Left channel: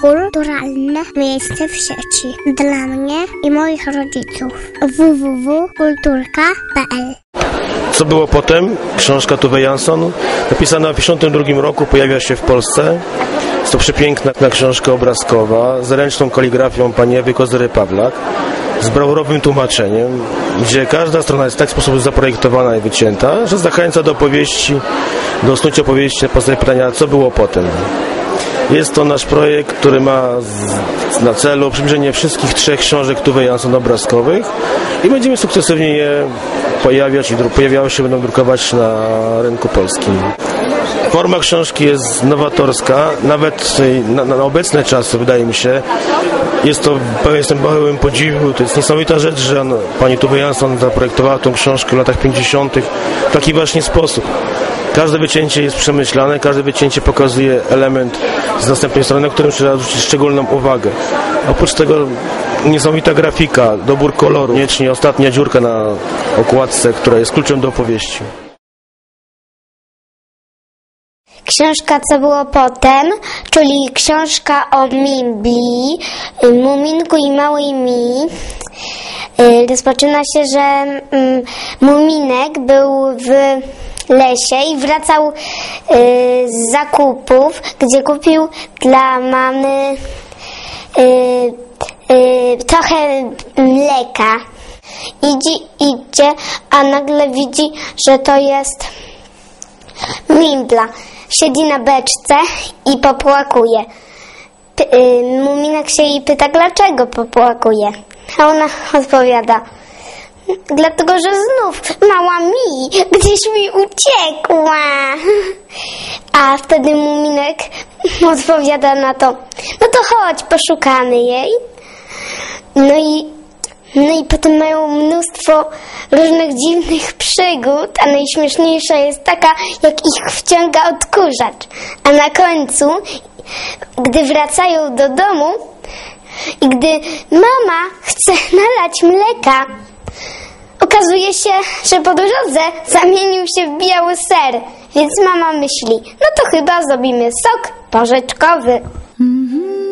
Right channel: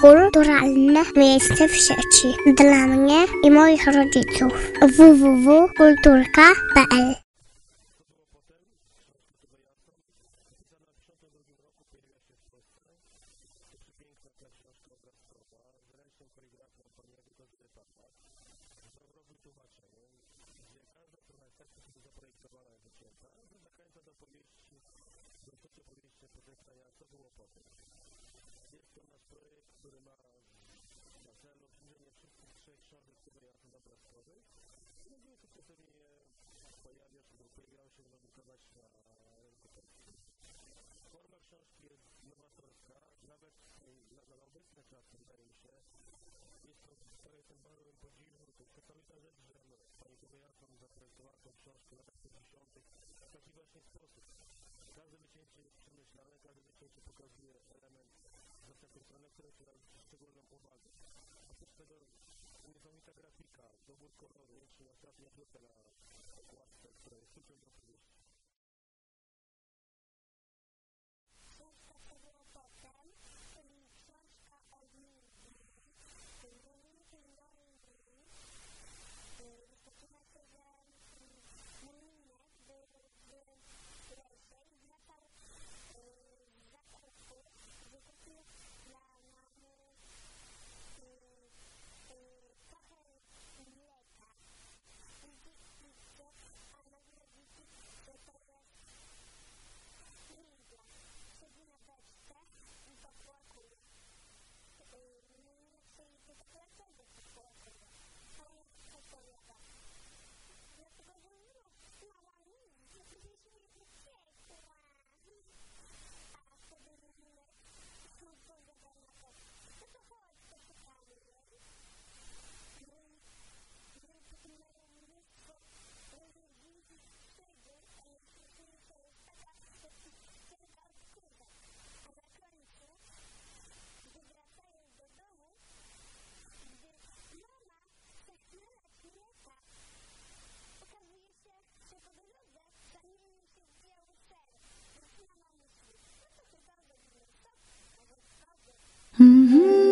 Kulturalne miejsce w sieci. Dla mnie i moich rodziców. www.kulturka.pl Co było potem? Książka Tuve Jansson, napisana w 1952 roku, pojawia się w Polsce. Jest to przepiękna książka obrazkowa z ręczną kaligrafią pani Ewy Kozery-Pawlak z brawurowym tłumaczeniem, gdzie każda strona jest w taki sposób zaprojektowana i wycięta, że zachęca do opowieści, do snucia opowieści na pytania, co było potem. Jest to nasz projekt, który ma na celu przybliżenie wszystkich trzech książek Tuve Jansson obrazkowych i będziemy sukcesywnie je pojawiać i pojawiały się, będą drukować na rynku polskim. Forma książki jest nowatorska, nawet na, na obecne czasy, wydaje mi się, jest to, jestem pełen podziwu, to jest niesamowita rzecz, że pani Tuve Jansson zaprojektowała tą książkę w latach 50. w taki właśnie sposób. Każde wycięcie jest przemyślane, każde wycięcie pokazuje element z następnej strony, na którym trzeba zwrócić szczególną uwagę. Oprócz tego niesamowita grafika, dobór koloru, koniecznie ostatnia dziurka na okładce, która jest kluczem do opowieści. Książka Co było potem, czyli książka o Mimbli, y, Muminku i Małej Mi. Y, Rozpoczyna się, że mm, Muminek był w lesie i wracał y, z zakupów, gdzie kupił dla mamy y, y, trochę mleka. Idzie, idzie, a nagle widzi, że to jest Mimbla. Siedzi na beczce i popłakuje. P- Muminek się jej pyta, dlaczego popłakuje. A ona odpowiada, dlatego, że znów mała gdzieś mi uciekła. A wtedy Muminek odpowiada na to, no to chodź, poszukamy jej. No i no i potem mają mnóstwo różnych dziwnych przygód, a najśmieszniejsza jest taka, jak ich wciąga odkurzacz. A na końcu, gdy wracają do domu i gdy mama chce nalać mleka, okazuje się, że po drodze zamienił się w biały ser. Więc mama myśli, no to chyba zrobimy sok porzeczkowy. Mhm.